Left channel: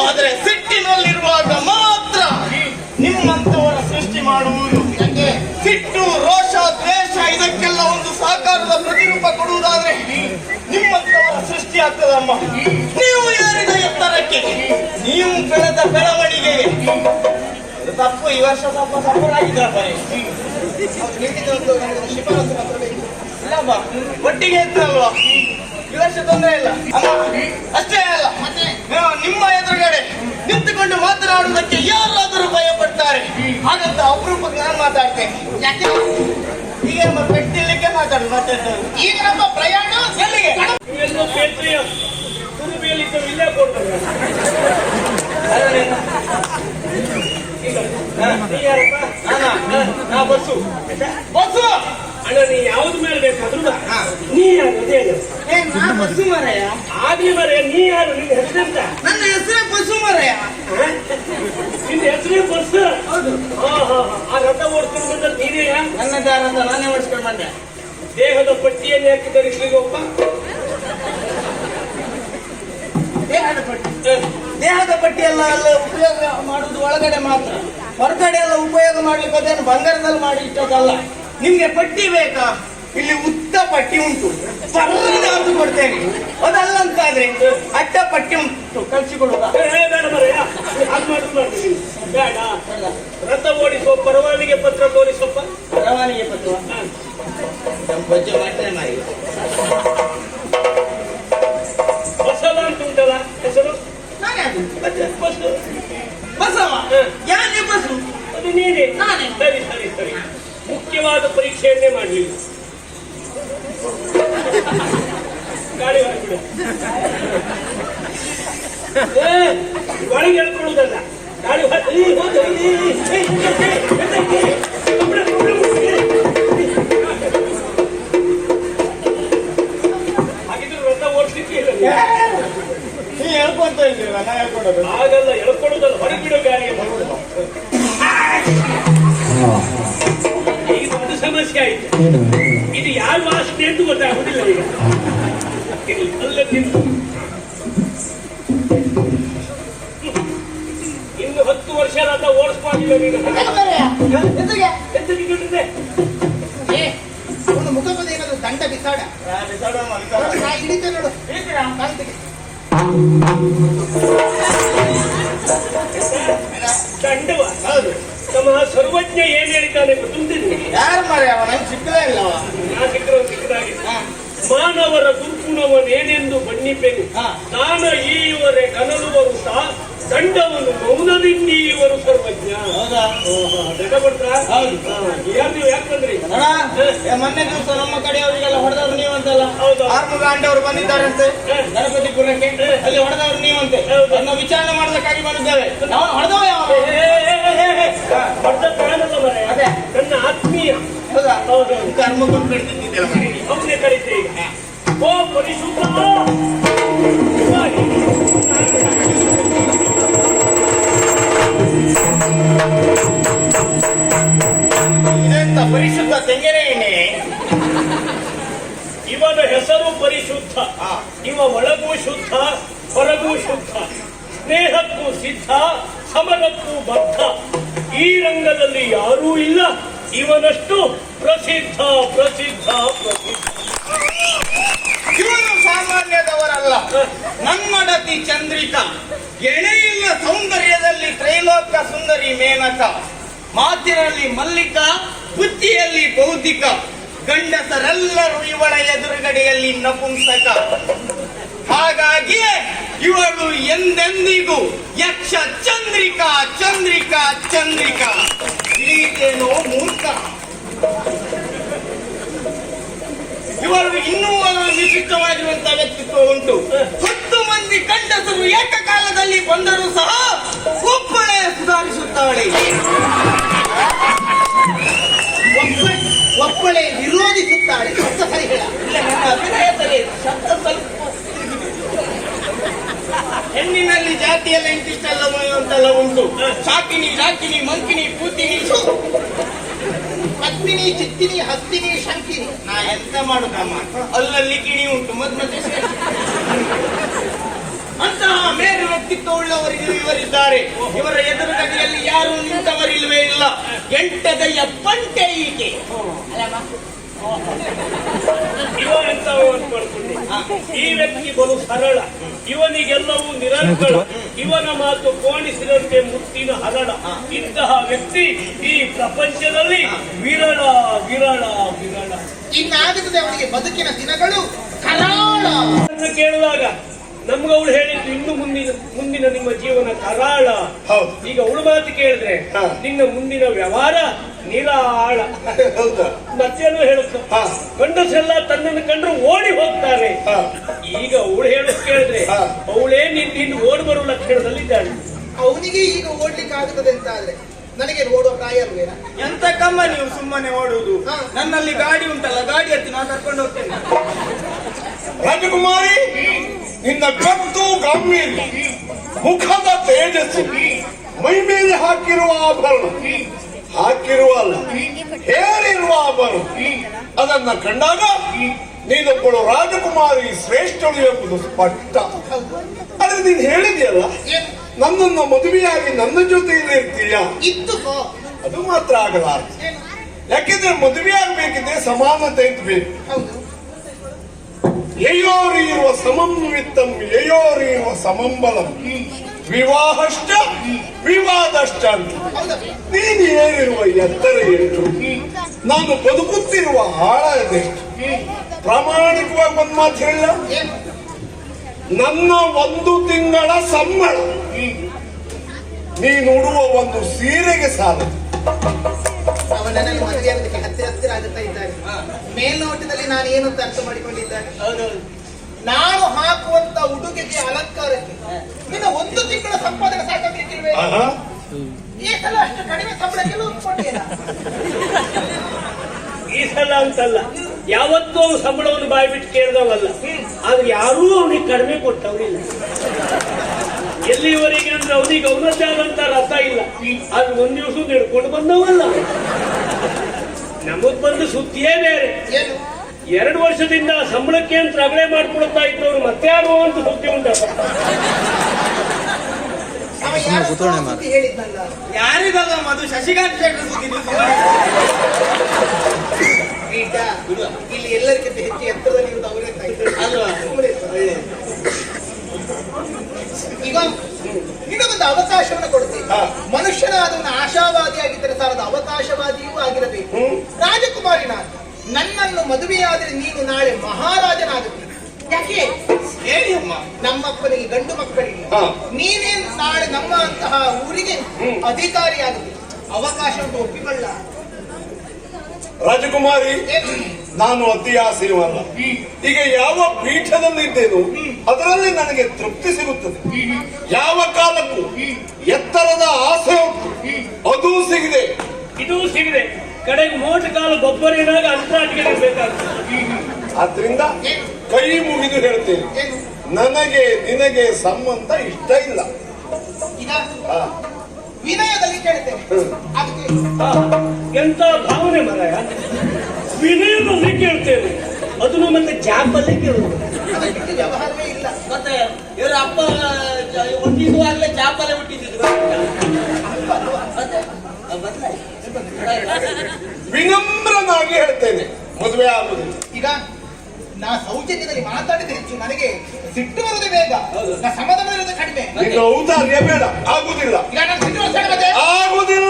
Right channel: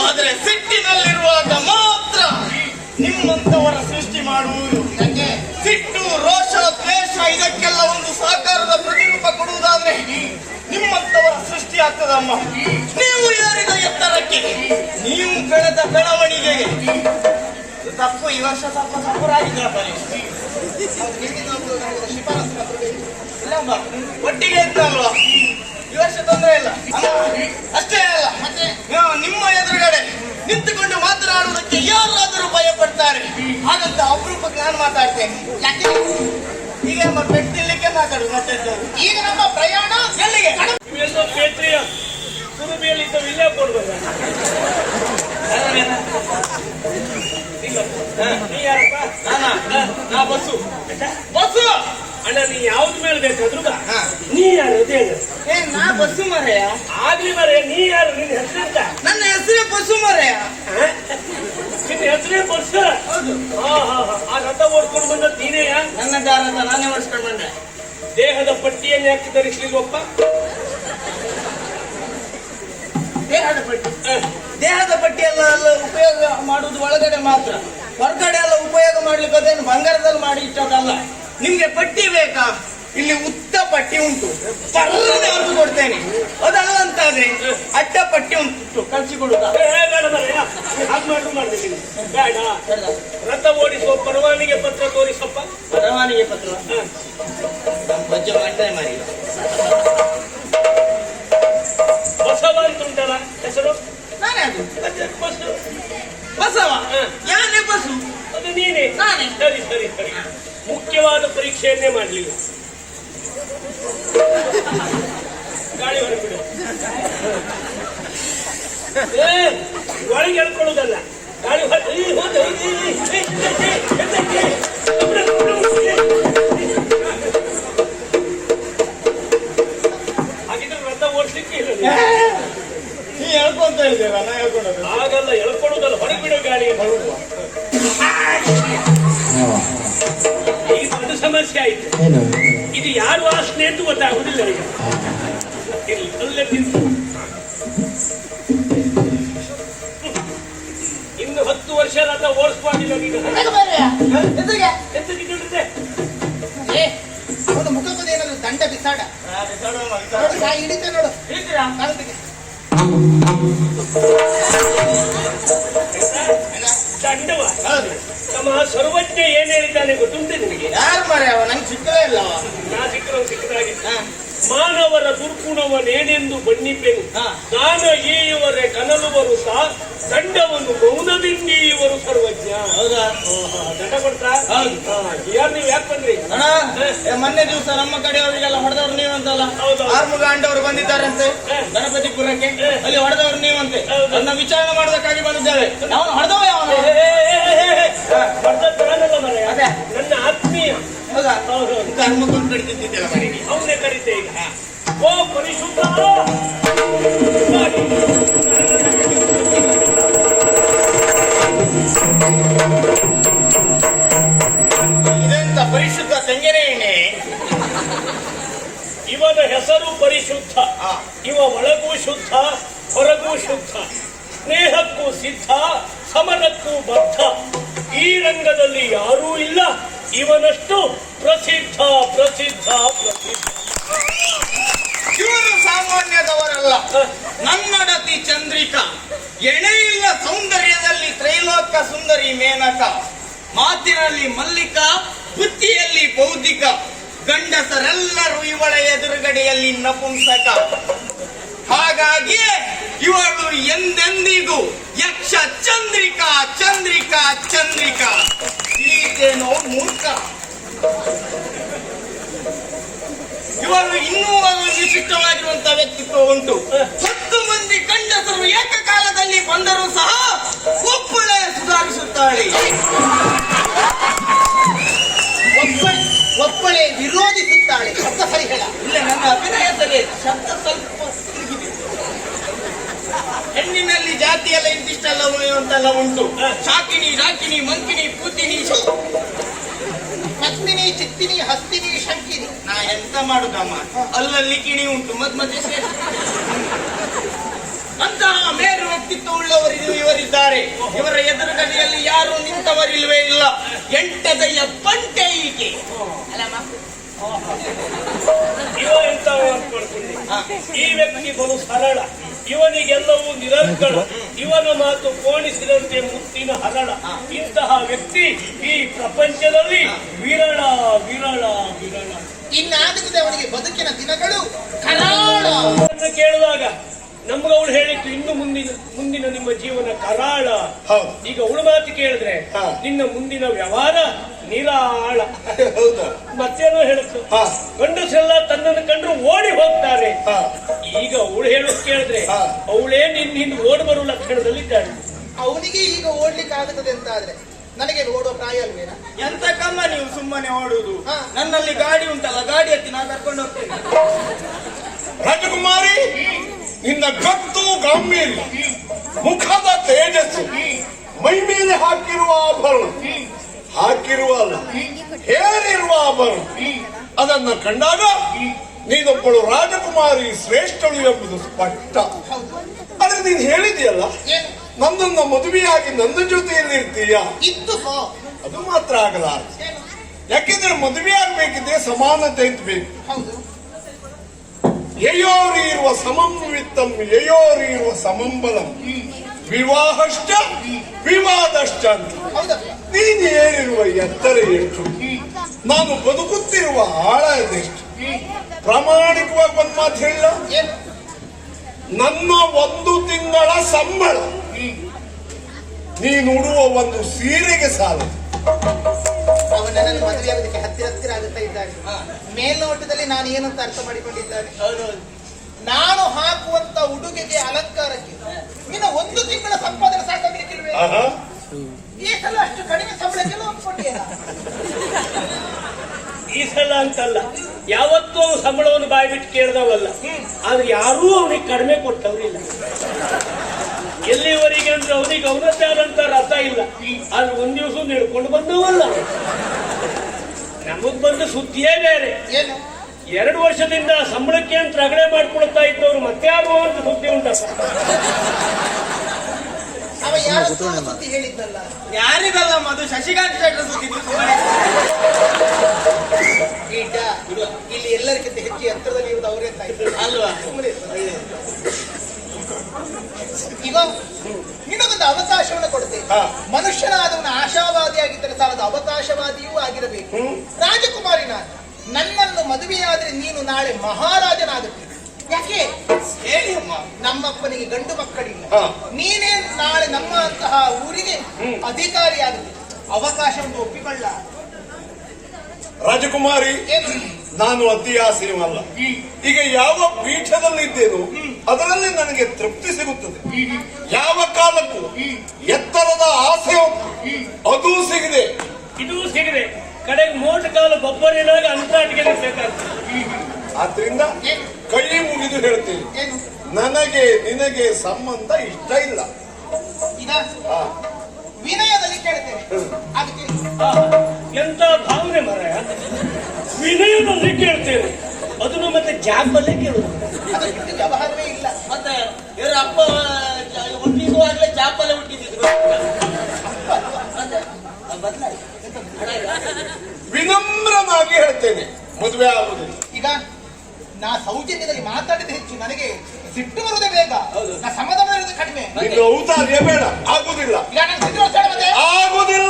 ಆದರೆ ಸಿಟ್ಟಿನಲ್ಲಿರುವಾಗ ಮಾತ್ರ ನಿಮ್ಮಂತವರ ಸೃಷ್ಟಿ ಮಾಡುವುದು. ಸಿಟ್ಟು, ರೋಷ, ದ್ವೇಷ ಇದಕ್ಕೆಲ್ಲ ಒಂದು ಸಾಕಾರದ ಪ್ರತಿರೂಪ ಕೊಡುವುದಾದ್ರೆ ನಿಮ್ಮಂತವರ ಸೃಷ್ಟಿ ಆಗ್ತದಮ್ಮ. ನೀವು ಏರಿದ ಎತ್ತರಕ್ಕೆ, ನೀವು ಬೆಳೆದ ಬೆಳವಣಿಗೆಗೆ ತಪ್ಪು. ಈ ವರ್ಷ ಸ್ವಲ್ಪ ತಪ್ಪರಾಗಿದ್ದಪ್ಪ, ಒಟ್ಟಿಗೆ ಇದ್ದಲ್ವಾ? ಈ ವರ್ಷ ತೊಂದರೆ ಇಲ್ಲ ಅಲ್ಲ. ಅಷ್ಟೇ ಅಲ್ಲ, ಮತ್ತೆ ನಿಮ್ಮ ಎದುರುಗಡೆ ನಿಂತುಕೊಂಡು ಮಾತನಾಡುವುದಕ್ಕೆ ಯಾರಾದರೂ ಭಯ ಪಡ್ತಾರೆ. ಹಾಗಂತ ಅಪರೂಪಕ್ಕೆ ನಾನು ಮಾತಾಡ್ತೇನೆ. ಯಾಕೆ ಈಗ ನಮ್ಮ ಪೆಟ್ಟಿಲಿಕ್ಕೆ ಮಾತಾಡುದು ಮತ್ತೆ ಈಗ ನಮ್ಮ ಪ್ರಯಾಣ ಎಲ್ಲಿಗೆ? ಪೇತ್ರಿಯ ತುರುಬಿಯಲ್ಲಿ ಇಲ್ಲೇ ಕೊಡ್ಬೇಕು. ನಾ ಬಸ್ಸು ಬಸ್ಸು ಅಣ್ಣ, ನೀ ಯಾವ್ದು ಮೇಲೆ ಬೇಕಾದ್ರು ನೀ ಯಾರು? ನಾ ಬಸ್ಸು ಮರೆಯ ಆಗ್ಲಿ ಮರೆಯ. ನೀ ಯಾರು? ನಿನ್ನ ಹೆಸರೆಂತ? ನನ್ನ ಹೆಸರೇ ಬಸ್ಸು ಮರೆಯ. ನಿನ್ನ ಹೆಸರೇ ಬಸ್ಸು? ಆ ರಥ ಓಡಿಸ್ಕೊಂಡು ಬಂದ ನೀನೇಯ? ನನ್ನ ದಾರದ ನಾನೇ ಓಡಿಸ್ಕೊಂಡು ಬಂದೆ. ದೇಹದ ಪಟ್ಟಿಯನ್ನು ಯಾಕೆ ಧರಿಸ್ಲಿಲ್ಲಪ್ಪ? ದೇಹದ ಪಟ್ಟಿ ಎಲ್ಲ ಉಪಯೋಗ ಮಾಡುವುದು ಒಳಗಡೆ ಮಾತ್ರ, ಹೊರಗಡೆ ಎಲ್ಲ ಉಪಯೋಗ ಮಾಡ್ಲಿಕ್ಕೆ ಅದೇನು ಬಂಗಾರದಲ್ಲಿ ಮಾಡಿ ಇಟ್ಟದಲ್ಲ. ನಿಮ್ಗೆ ಪಟ್ಟಿ ಬೇಕಾ? ಇಲ್ಲಿ ಉದ್ದ ಪಟ್ಟಿ ಉಂಟು, ಪರ್ರನೆ ಹೊರದು ಕೊಡ್ತೇನೆ. ಅದಲ್ಲ ಅಂತಾದ್ರೆ ಅಡ್ಡ ಪಟ್ಟಿ ಉಂಟು, ಕಳಿಸಿಕೊಡುದ. ಬೇಡ, ರಥ ಓಡಿಸುವ ಪರವಾನಿಗೆ ಪತ್ರ ತೋರಿಸಪ್ಪ. ಪರವಾನಿಗೆ ಪತ್ರ ಬಜ್ಜೆ ಮಾಡ್ತೇನೆ ಮಾರಿ. ಬಸವ ಅಂತ ಉಂಟಲ್ಲ ಹೆಸರು? ನಾನೇ ಅದು ಬಸ್ಸು. ಬಸವ ಯಾನೇ ಬಸ್ಸು? ಅದು ನೀನೇ? ನಾನೇ. ಸರಿ ಸರಿ ಸರಿ. ಮುಖ್ಯವಾದ ಪರೀಕ್ಷೆಯನ್ನೇ ಮಾಡಲಿಲ್ಲ. ಗಾಳಿ ಹೊರಬಿಡು. ಒಳಗೆ ಎಳ್ಕೊಳ್ಳುವುದಲ್ಲ, ಗಾಳಿ ಹಾಗಿದ್ರೆ ರಥ ಓಡಿಸ್ಲಿಕ್ಕೆ ಇಲ್ಲ. ನೀ ಹೇಳ್ಕೊಂತ ಇದ್ದೇವ, ನಾ ಹೇಳ್ಕೊಂಡದ್ದು ಹಾಗಲ್ಲ, ಎಳ್ಕೊಳ್ಳುವುದಲ್ಲ, ಹೊರಬಿಡೋ ಗಾಳಿಗೆ ಬರುವುದು. ಈಗ ಒಂದು ಸಮಸ್ಯೆ ಆಯ್ತು. ಇದು ಯಾರು ವಾಸನೆ ಅಂತ ಗೊತ್ತಾಗುದಿಲ್ಲ. ಈಗ ಅಲ್ಲೇ ನಿಂತು ಇನ್ನು 10 ವರ್ಷ ರಥ ಓಡಿಸ್ಬಾರ್ದಿಲ್ಲ ನೀನು. ಒಂದು ಮುಖದ ಏನಾದ್ರು ದಂಡ ಬಿಸಾಡ ಹಿಡಿತ ನೋಡು. ದಂಡವ? ಹೌದು. ನಮ್ಮ ಸರ್ವಜ್ಞ ಏನ್ ಹೇಳಿದ್ದಾನೆ ಗೊತ್ತುಂಟು ನಿನಗೆ? ಯಾರು ಮಾರ? ನಂಗೆ ಸಿಕ್ಕಲೇ ಇಲ್ಲ. ನಾ ಸಿಕ್ಕಿದಾಗಿ ಮಾನವರ ದುರ್ಗುಣವನೇನೆಂದು ಬಣ್ಣಿಪೆನು. ನಾನು ಈಯವರೆ ಕನಲು ಬರುತ್ತಾ ದಂಡವನ್ನು ಮೌನದಿಂದೀವರು ಸರ್ವಜ್ಞ. ಹೌದಾ? ದಂಡ ಕೊಡ್ತಾ? ಯಾರು ನೀವು ಯಾಕೆ ಬಂದ್ರಿ? ಮೊನ್ನೆ ದಿವಸ ನಮ್ಮ ಕಡೆಯವರಿಗೆಲ್ಲ ಹೊಡೆದವ್ರು ನೀವಂತಲ್ಲ? ಹೌದು. ಆರ್ಮುಗ ಅಂಡವರು ಬಂದಿದ್ದಾರಂತೆ ಗಣಪತಿಪುರಕ್ಕೆ. ಅಲ್ಲಿ ಹೊಡೆದವ್ರು ನೀವಂತೆ. ನನ್ನ ವಿಚಾರಣೆ ಮಾಡೋದಕ್ಕಾಗಿ ಬಂದಿದ್ದೇವೆ. ಹೊಡೆದವ ಯಾವ? ಅದೇ ನನ್ನ ಆತ್ಮೀಯ. ಹೌದಾ? ಕರ್ಮ ಬಂದು ಕಡಿತಿದ್ದೇವೆ ಮನೆ. ಅವನೇ ಕರೀತೆ ಈಗ. ಓ ಪರಿಶುದ್ಧ, ಇದೆಂತ ಪರಿಶುದ್ಧ ತೆಂಗಿನ ಎಣ್ಣೆ? ಇವನ ಹೆಸರು ಪರಿಶುದ್ಧ. ಇವ ಒಳಗೂ ಶುದ್ಧ, ಹೊರಗೂ ಶುದ್ಧ, ಸ್ನೇಹಕ್ಕೂ ಸಿದ್ಧ, ಸಮರಕ್ಕೂ ಬದ್ಧ. ಈ ರಂಗದಲ್ಲಿ ಯಾರೂ ಇಲ್ಲ ಇವನಷ್ಟು ಪ್ರಸಿದ್ಧ ಪ್ರಸಿದ್ಧ ಪ್ರಸಿದ್ಧ. ಇವನು ಸಾಮಾನ್ಯದವರಲ್ಲ. ನನ್ನಡತಿ ಚಂದ್ರಿಕಾ, ಎಣೆಯಿಲ್ಲ ಸೌಂದರ್ಯದಲ್ಲಿ ತ್ರೈಲೋಕ್ಯ ಸುಂದರಿ ಮೇನಕ. ಮಾತಿನಲ್ಲಿ ಮಲ್ಲಿಕ, ಬುದ್ಧಿಯಲ್ಲಿ ಬೌದ್ಧಿಕ. ಗಂಡಸರೆಲ್ಲರೂ ಇವಳ ಎದುರುಗಡೆಯಲ್ಲಿ ನಪುಂಸಕ. ಹಾಗಾಗಿಯೇ ಇವಳು ಎಂದೆಂದಿಗೂ ಯಕ್ಷ ಚಂದ್ರಿಕಾ ಚಂದ್ರಿಕಾ ಚಂದ್ರಿಕಾ. ತಿಳಿಯಿತೇನೋ ಮೂರ್ಖ? ಇವಳು ಇನ್ನೂ ನಿಶ್ಚಿತವಾಗಿರುವಂತಹ ವ್ಯಕ್ತಿತ್ವ ಉಂಟು. 10 ಮಂದಿ ಗಂಡಸರು ಏಕಕಾಲದಲ್ಲಿ ಬಂದರೂ ಸಹ ಒಬ್ಬಳೇ ಸುಧಾರಿಸುತ್ತಾಳೆ, ಒಬ್ಬಳೇ ವಿರೋಧಿಸುತ್ತಾಳೆ. ಇಲ್ಲ, ನನ್ನ ಅಭಿನಯ ಸರಿ, ಶಬ್ದ ಸ್ವಲ್ಪ ಹೆಣ್ಣಿನಲ್ಲಿ ಜಾತಿ ಎಲ್ಲ ಇಂತಿಷ್ಟೆಲ್ಲ ಉಂಟು. ಶಾಕಿನಿ, ಡಾಕಿನಿ, ಮಂಕಿನಿ, ಪೂತಿನಿ, ಪತ್ಮಿನಿ, ಚಿತ್ತಿನಿ, ಹಸ್ತಿನಿ, ಶಂಕಿನಿ. ನಾ ಎಂತ ಮಾಡುದಮ್ಮ, ಅಲ್ಲಲ್ಲಿ ಕಿಣಿ ಉಂಟು, ಮಧ್ಯೆ ಅಂತಹ ಬೇರೆ ವ್ಯಕ್ತಿತ್ವ ಉಳ್ಳವರಿಗೂ ಇವರಿದ್ದಾರೆ. ಇವರ ಎದುರುಗಡೆಯಲ್ಲಿ ಯಾರು ನಿಂತವರಿಲ್ವೇ ಇಲ್ಲ. ಎಂಟದೆಯ ಪಂಟೆ ಈಕೆ. ಇವ ಎಂತ ಮಾಡ್ಕೊಂಡಿ? ಈ ವ್ಯಕ್ತಿ ಬಲು ಸರಳ, ಇವನಿಗೆಲ್ಲವೂ ನಿರಂತರ, ಇವನ ಮಾತು ಕೋಣಿಸಿದಂತೆ ಮುತ್ತಿನ ಹರಳ. ಇಂತಹ ವ್ಯಕ್ತಿ ಈ ಪ್ರಪಂಚದಲ್ಲಿ ವಿರಳ ವಿರಳ ವಿರಳ. ಇನ್ನಾಗುತ್ತದೆ ಅವನಿಗೆ ಬದುಕಿನ ದಿನಗಳು ಕರಾಳ. ಕೇಳಿದಾಗ ನಮ್ಗವಳು ಹೇಳಿದ್ದು ಇನ್ನು ಮುಂದಿನ ನಿಮ್ಮ ಜೀವನ ಕರಾಳ. ಈಗ ಅವಳು ಮಾತು ಕೇಳಿದ್ರೆ ನಿನ್ನ ಮುಂದಿನ ವ್ಯವಹಾರ ನಿರಾಳ. ಮತ್ತೇನೋ ಹೇಳುತ್ತ ಗಂಡಸೆಲ್ಲ ತನ್ನನ್ನು ಕಂಡ್ರು ಓಡಿ ಹೋಗ್ತಾರೆ. ಈಗ ಅವಳು ಹೇಳೋದು ಕೇಳಿದ್ರೆ ಅವಳೇ ನಿನ್ನ ಓಡಿ ಬರುವ ಲಕ್ಷಣದಲ್ಲಿದ್ದಾಳೆ. ಅವನಿಗೆ ಈಗ ಓಡ್ಲಿಕ್ಕೆ ಆಗುತ್ತದೆ ಅಂತ ಆದ್ರೆ ನನಗೆ ಓಡುವ ಪ್ರಾಯ ಅಲ್ವೇನಾ? ಎಂತ ಕಮ್ಮ ನೀವು ಸುಮ್ಮನೆ ಓಡುವುದು. ನನ್ನಲ್ಲಿ ಗಾಡಿ ಉಂಟಲ್ಲ, ಗಾಡಿ ಹತ್ತಿ ನಾನು ಕರ್ಕೊಂಡು ಹೋಗ್ತೇನೆ. ರಾಜಕುಮಾರಿ, ನಿನ್ನ ಗತ್ತು ಗಾಂಭೀರ್ಯ, ಮುಖದ ತೇಜಸ್ಸು, ಮೈ ಮೇಲೆ ಹಾಕಿರುವ ಆಭರಣ, ಹಾಕಿರುವ ಅಲ್ಲ ಹೇರಿರುವ ಆಭರಣ, ಅದನ್ನ ಕಂಡಾಗ ನೀನೊಬ್ಬಳು ರಾಜಕುಮಾರಿ ಶ್ರೇಷ್ಠಳು ಎಂಬುದು ಸ್ಪಷ್ಟ. ಆದ್ರೆ ನೀನು ಹೇಳಿದೆಯಲ್ಲ, ನನ್ನನ್ನು ಮದುವೆಯಾಗಿ ನನ್ನ ಜೊತೆಯಲ್ಲಿ ಇರ್ತೀಯ, ಅದು ಮಾತ್ರ ಆಗಲಾರದು. ಯಾಕೆಂದ್ರೆ ಮದುವೆ ಆಗ್ಬೇಕಿದ್ರೆ ಸಮಾನತೆ ಅಂತ ಬೇಕು. ಯಯೋರಿರುವ ಸಮಂವಿತ್ತಂ ಯಯೋರಿರುವ ಸಮಂಬಲಂ ವಿವಾಹಶ್ಚ ವಿವಾದಶ್ಚ ಅಂತ. ನೀನು ಏನಿರುವ ಎತ್ತರ ಎಷ್ಟು, ನಾನು ಬದುಕುತ್ತಿರುವ ಆಳ ಅದೆಷ್ಟು. ಪ್ರಾಮಾಣಿಕವಾಗಿ ಒಂದು ಮಾತು ಹೇಳಿಲ್ಲ, ನನ್ನ 1 ತಿಂಗಳ ಸಂಬಳ ನೀನು ಉಡುವ ಒಂದು ಸೀರೆಗೆ ಸಾಲದು. ಅವನನ್ನು ಮದುವೆಯಾಗೋದಕ್ಕೆ ಹತ್ತಿರ ಆಗುತ್ತಾ ಇದ್ದಾನೆ. ಮೇಲ್ನೋಟದಲ್ಲಿ ನಾನು ಏನು ಅಂತ ಅರ್ಥ ಮಾಡಿಕೊಂಡಿದ್ದಾನೆ. ನಾನು ಹಾಕುವಂತ ಉಡುಗೆಗೆ ಅಲಂಕಾರಕ್ಕೆ ನಿನ್ನ 1 ತಿಂಗಳ ಸಂಪಾದನೆ ಸಾಕಾಗಲಿಕ್ಕಿಲ್ವೇ? ಈ ಸಲ ಅಷ್ಟು ಕಡಿಮೆ ಸಂಬಳಕ್ಕೆಲ್ಲ ಒಪ್ಪಿಕೊಂಡಿಲ್ಲ. ಈ ಸಲ ಅಂತಲ್ಲ, ಯಾವತ್ತೂ ಸಂಬಳವನ್ನು ಬಾಯಿ ಬಿಟ್ಟು ಕೇಳಿದವಲ್ಲ. ಆದ್ರೆ ಯಾರೂ ಅವನಿಗೆ ಕಡಿಮೆ ಕೊಟ್ಟವರಿಲ್ಲ. ಎಲ್ಲಿವರೆಗೆ ಅಂದ್ರೆ ಅವನಿಗೆ ಅವನದ್ದೇ ಆದಂತ ರಥ ಇಲ್ಲ. ಆದ್ರೆ ಒಂದ್ ದಿವಸ ನಡ್ಕೊಂಡು ಬಂದವಲ್ಲ. ನಮಗ್ ಬಂದ ಸುದ್ದಿಯೇ ಬೇರೆ. 2 ವರ್ಷದಿಂದ ಸಂಬಳಕ್ಕೆ ಅಂತ ರಗಳೆ ಮಾಡ್ಕೊಳ್ತಾ ಇದ್ದವರು ಮತ್ತೆ ಯಾರು ಅಂತ ಸುದ್ದಿ ಉಂಟು. ಹೇಳಿದ್ನಲ್ಲ, ಯಾರಿಗಲ್ಲ ಮಧು, ಶಶಿಕಾಂತ್ ಶೆಟ್ಟರ್ ಸುದ್ದಿ. ಇಲ್ಲಿ ಎಲ್ಲರಿಗಿಂತ ಹೆಚ್ಚು ಎತ್ತರದಲ್ಲಿ ಇರುವುದು ಅವರೇ ಅಂತ ಇದ್ದಾರೆ ಅಲ್ವಾ? ಈಗ ನಿನಗೊಂದು ಅವಕಾಶವನ್ನು ಕೊಡ್ತೇನೆ. ಮನುಷ್ಯನಾದವನು ಆಶಾವಾದಿಯಾಗಿದ್ದರೆ ಸಾಲದ, ಅವಕಾಶವಾದಿಯೂ ಆಗಿರಬೇಕು. ರಾಜಕುಮಾರಿ ನಾನು, ನನ್ನನ್ನು ಮದುವೆಯಾದರೆ ನೀನು ನಾಳೆ ಮಹಾರಾಜನಾಗುತ್ತೀನಿ. ಯಾಕೆ ಹೇಳಿ ಅಮ್ಮ, ನಮ್ಮಪ್ಪನಿಗೆ ಗಂಡು ಮಕ್ಕಳಿಲ್ಲ. ನೀನೇ ನಾಳೆ ನಮ್ಮ ಅಂತಹ ಊರಿಗೆ ಅಧಿಕಾರಿಯಾಗುತ್ತೀನಿ. ಅವಕಾಶವನ್ನು ಒಪ್ಪಿಕೊಳ್ಳ. ರಾಜಕುಮಾರಿ, ನಾನು ಅತಿ ಆಸೆಯವಲ್ಲ. ಈಗ ಯಾವ ಪೀಠದಲ್ಲಿದ್ದೇನೋ ಅದರಲ್ಲಿ ನನಗೆ ತೃಪ್ತಿ ಸಿಗುತ್ತದೆ. ಯಾವ ಕಾಲಕ್ಕೂ ಎತ್ತರದ ಆಸೆ ಉಂಟು, ಅದೂ ಸಿಗಿದೆ, ಇದೂ ಸಿಗಿದೆ. ಕಡೆಗೆ ಮೋಟ ಕಾಲ ಗೊಬ್ಬರೇನಾಗ ಅಂತಾಟಿಗೆ ಬೇಕಾಗ್ತದೆ. ಆದ್ರಿಂದ ಕೈ ಮುಗಿದು ಹೇಳ್ತೇನೆ, ನನಗೆ ನಿನಗೆ ಸಂಬಂಧ ಇಷ್ಟ ಇಲ್ಲ. ಈಗ ವಿನಯದಲ್ಲಿ ಕೇಳ್ತೇನೆ. ಅದಕ್ಕೆ ಎಂತ ಭಾವನೆ ಮರಾಯ, ವಿನಯದಲ್ಲಿ ಕೇಳ್ತೇವೆ. ಅದನ್ನು ಮತ್ತೆ ಜಾಬಲ್ಲೇ ಕೇಳುದು. ಅದು ಬಿಟ್ಟು ವ್ಯವಹಾರವೇ ಇಲ್ಲ. ಮತ್ತೆ ಇವರ ಅಪ್ಪ ಹುಟ್ಟಿಸುವಾಗಲೇ ಜಾಬಲ್ಲೇ ಹುಟ್ಟಿದ್ರು. ವಿನಮ್ರನಾಗಿ ಹೇಳ್ತೇನೆ, ಮದುವೆ ಆಗುದಿಲ್ಲ. ಈಗ ನಾ ಸೌಜನ್ಯದಲ್ಲಿ ಮಾತಾಡಿದ ಹೆಚ್ಚು, ನನಗೆ ಸಿಟ್ಟು ಬರುವುದೇ ಬೇಗ, ನಾ ಸಮಾಧಾನ ಕಡಿಮೆ. ನಿನ್ನ ಔದಾರ್ಯ ಬೇಡ, ಆಗುದಿಲ್ಲ, ಈಗ ನಾನು ಆಗುದಿಲ್ಲ.